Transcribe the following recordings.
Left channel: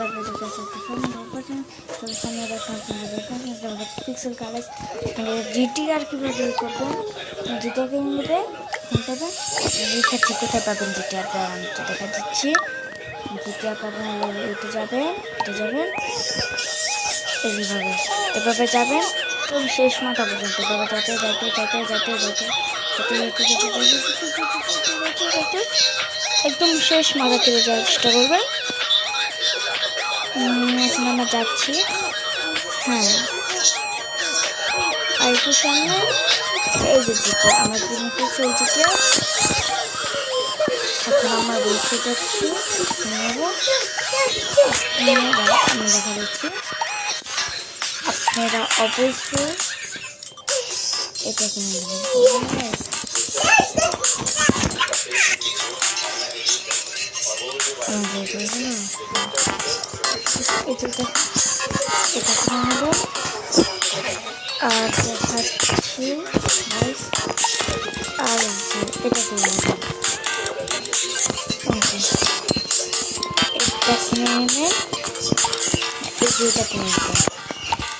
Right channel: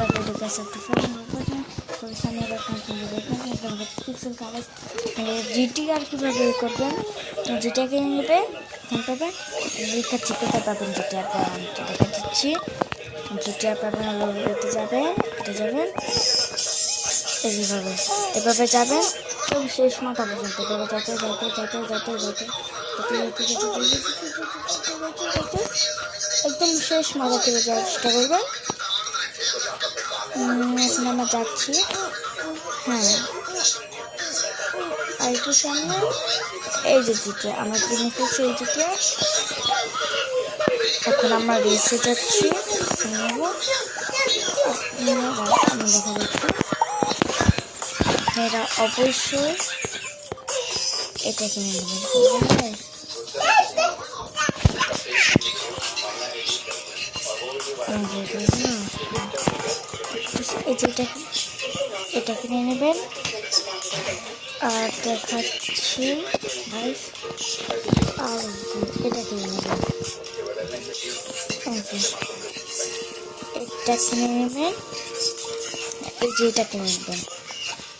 তারপরে দেখে একটা ফোন তবে সামনে পিক্সেল কালার জিটি আর কীভাবে তৈরি করবেন, তো জিটিআর কিনে নেবে। এখন পাবেন দেখাচ্ছি কোথায় পাবেন জিটিআর, তো দেখা দিচ্ছি। জিটিআর পাবেন হলো এতে যাবেন এইভাবে, এভাবে যাবেন তো শেষ মাথা পর্যন্ত, এভাবে যাতে একদম শেষ মাথা থেকে যাওয়ার চেষ্টা করবেন। এখন আমরা যাচ্ছি, হ্যাঁ আর একটু সামনে এই যে জিটিআর আমরা কিনে ফেলছি, এই জিটিআর। এখন আমরা রেসে যাচ্ছি, নেব আমি দেখা যাচ্ছি। আপনারা অবশ্যই এটা কিনে নেবেন। এটা কিনে নেবেন। আর দেখাচ্ছি গাইস, আর এটা কিনে নেবেন, এটা কিনে নেবেন, এই যে এটা কিনে নেবেন।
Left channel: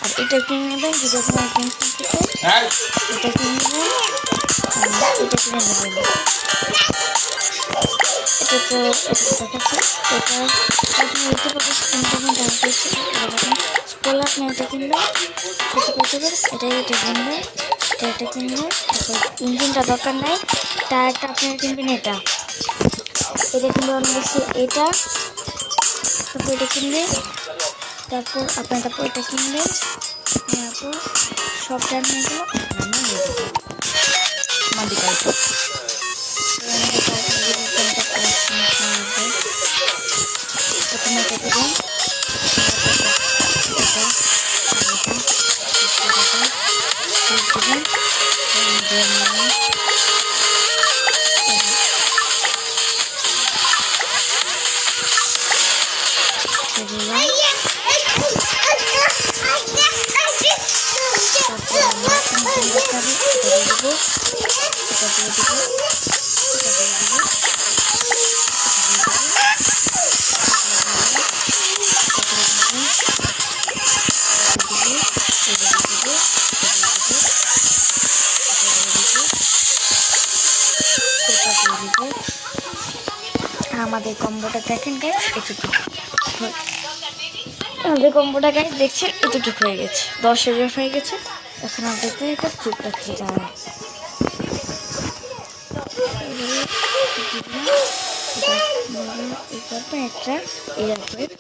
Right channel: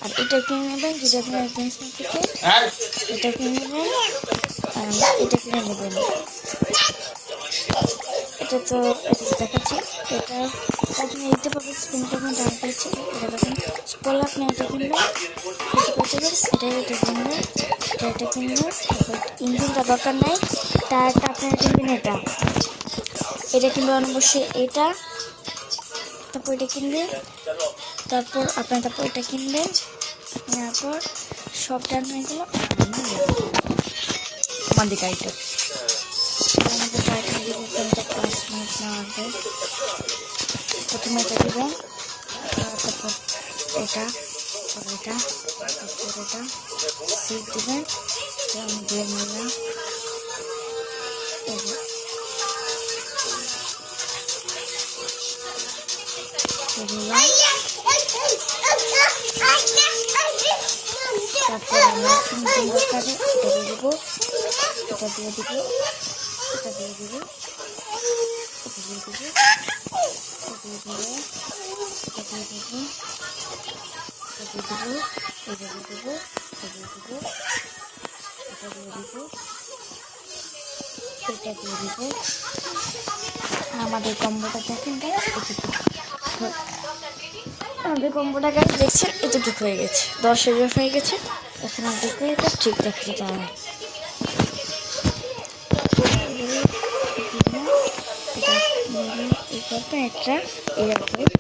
আর এটা কিনে নেবেন যেটা আপনার টেনশন থেকে, এটা কিনে নেবেন, এটা কিনে নেবেন। এটা তো এটা দেখাচ্ছে, এটা আপনি দেখতে পাবেন স্ক্রিনটা আমি ডাউন করছি। এটা দেখুন স্পলার, আপনি এটা কিনবেন, এটা কিনবেন, এটা কিনবেন। তারপর ইঞ্জিনটা দরকার নাই, টায়ারটা আপনারা কিনবেন, এটা কিনবেন অবশ্যই এটা। তারপর এটা কিনবেন, তারপর এটা কিনবেন। তারপর সব টাইমে গেলো আমাদের গাড়িটা প্রথমে এটা দেবেন, এটা দেবেন, তারপর আমরা ইঞ্জিন দেখাবে, এটা দিয়ে দেবো, এটা দিয়ে দেবো, এটা দিয়ে দেবো, আমাদের কম্বোটা দেখেন গাইস, এতটুকু আমাদের কম্বোটা গাইস দেখছেন, এতটুকু হয়ে গেছে, 10,000 হয়ে গেছে। এখন আমাদেরকে এটা ঠিক দেখতে যাওয়া এই করবে একটা এয়ারপোর্ট